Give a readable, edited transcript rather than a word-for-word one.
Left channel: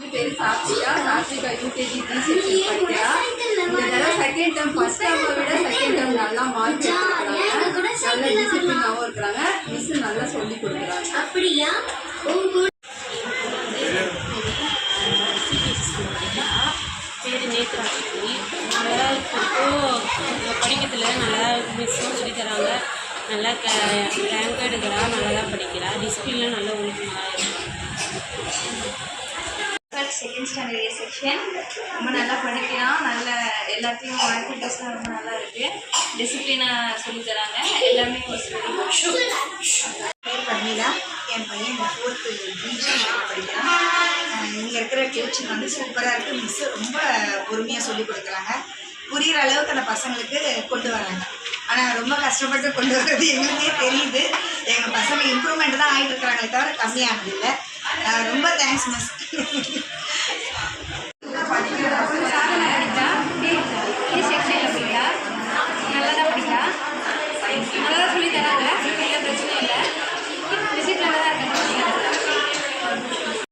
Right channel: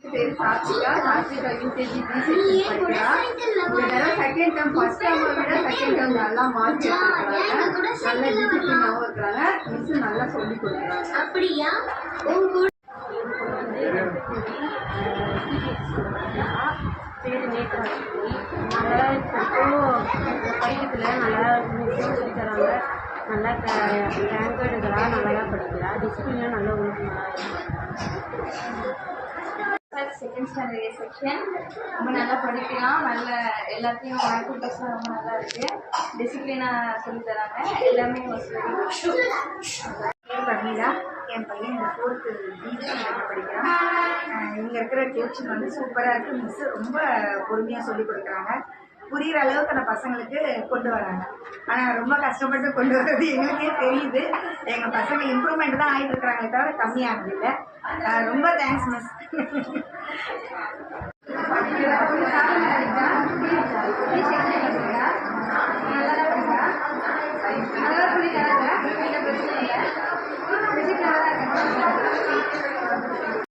பேர் Sathvika UKG D section படிக்கிறா. இந்த தடவை செகண்ட் டேர்ம் ஃபர்ஸ்ட் டேர்மை விட செகண்ட் டேர்ம் நல்லா மார்க் எடுத்துருக்காங்க. நல்ல டிசிப்ளினாகவும் இருக்கிறாங்க. மிஸ் நல்லா சொல்லி கொடுக்குறாங்க. அப்படியா? சிபிஎஸ்சி ஸ்கூலில் படிக்கிறா. பேர் நேத்ராட்சி. நல்லா படிக்கிறதுல நல்லா மிஸ்ஸும் சொல்லி தராங்க. நல்லா ரேங்க் எடுக்கிறா. நல்லா தான் படிக்கிறா. டிசிப்ளின்லாம் நல்லா ஒழுக்கமாக இருக்காங்க. செகண்ட் ஸ்டாண்டர்ட் ஏ செக்ஷன் ரொம்ப நல்லா படிக்கிறான். நல்ல எல்லாத்தையும் ஆக்டிவிட்டீஸ்லாம் ரொம்ப நல்லா இருக்குது. டிசிப்ளினாக சொல்லித்தராங்க. எல்லாமே பேர் பர்மிளா. என் பையன் இந்த 4th படிக்கிறான். இங்கே இருக்கிற கோச்சிங் வந்து சூப்பராக இருக்குது. மிஸ்ஸு ரொம்ப பொறுமையாக சொல்லி கொடுக்குறாங்க. புரிகிற அளவுக்கு அந்த பசங்களுக்கு கொண்டு வராங்க. ஆனால் ரொம்ப கஷ்டப்பட்டு கொண்டு வர்றது எங்களுக்கே தெரியுது. எங்கள் பசங்க இம்ப்ரூவ்மெண்ட் தான் ஆகிட்டு இருக்கிறாங்களே தவிர கம்மியானது இல்லை. ரொம்ப தேங்க்ஸ் மிஸ்.